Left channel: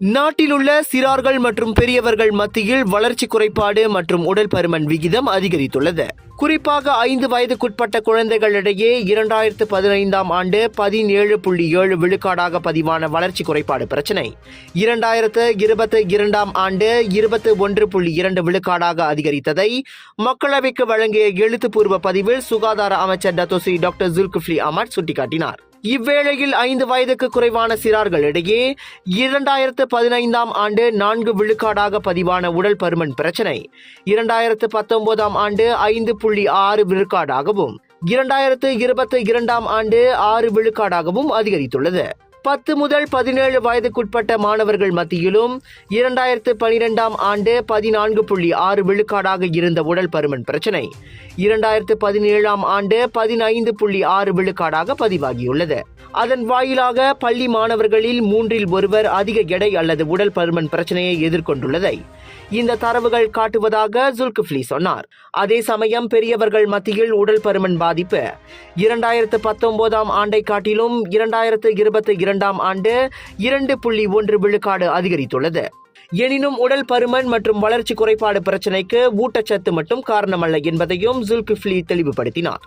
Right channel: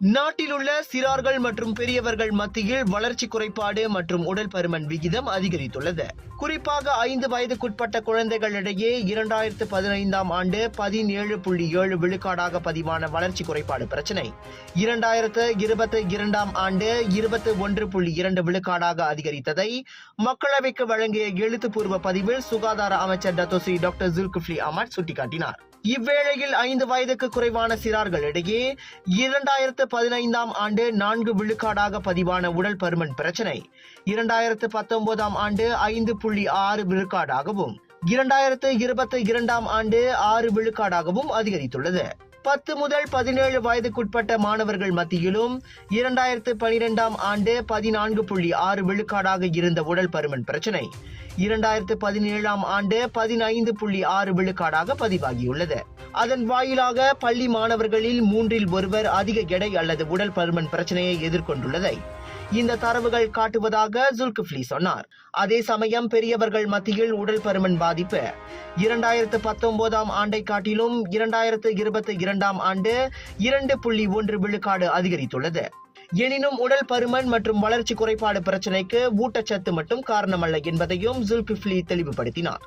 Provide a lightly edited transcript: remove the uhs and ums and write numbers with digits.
நாட்டில் உள்ள சிறார்கள் மற்றும் பெரியவர்கள் மத்தியில் வளர்ச்சி குறைபாடு மற்றும் உடல் பருமன் விகிதம் அதிகரித்துள்ளது. குறிப்பாக 5 வயதுக்குட்பட்ட குழந்தைகளிடையே 2015ஆம் ஆண்டு 17.7 விழுக்காடாக பதிவான வளர்ச்சி குறைபாடு பிரச்சினை 2022ஆம் ஆண்டு 21.2 விழுக்காடாக அதிகரித்ததை மக்களவைக்கு வழங்கிய எழுத்துப்பூர்வ பதிவில் சுகாதார அமைச்சர் டத்தோஸ்ரீ டாக்டர் ஜுல்கிஃப்லி அஹ்மத் சுட்டிக்காட்டினார். இவ்வேளையில் 5 வயதுக்கு குறைவான சிறார்களிடையே 2015ஆம் ஆண்டு 4 விழுக்காடாக பதிவான உடல் பருமன் பிரச்சினை 2019ஆம் ஆண்டு 5.6 விழுக்காடாகவும் 2022ஆம் ஆண்டு 6 விழுக்காடாகவும் அதிகரித்துள்ளது. 10 முதல் 17 வயதுக்குட்பட்ட மாணவர்கள் மத்தியிலும் 2012ஆம் ஆண்டு 14.6 விழுக்காடாக இருந்த உடல் பருமன் பிரச்சினை 2017ஆம் ஆண்டு 15.6 விழுக்காடாக பதிவாகியுள்ளது. அதன் வாயிலாக பள்ளி மாணவர்களில் 3இல் ஒருவர் அதிக எடை அல்லது உடல் பருமன் பிரச்சனையை எதிர்கொண்டுள்ளதை இந்த தரவுகள் காட்டுவதாக ஜுல்கிஃப்லி சொன்னார். அதே சமயம் பெரியவர்கள் மத்தியில் உடல் பருமன் பாதிப்பு 2019ஆம் ஆண்டை காட்டிலும் 2022ஆம் ஆண்டு 2.1 விழுக்காடு அதிகரித்துள்ளது. எனினும் உடல் பருமன் மற்றும் வளர்ச்சி குறைபாடு பிரச்சினைக்கு ஊட்டச்சத்து மட்டும் காரணமல்ல என்பதையும் ஜுல்கிஃப்லி தெளிவுபடுத்தினார்.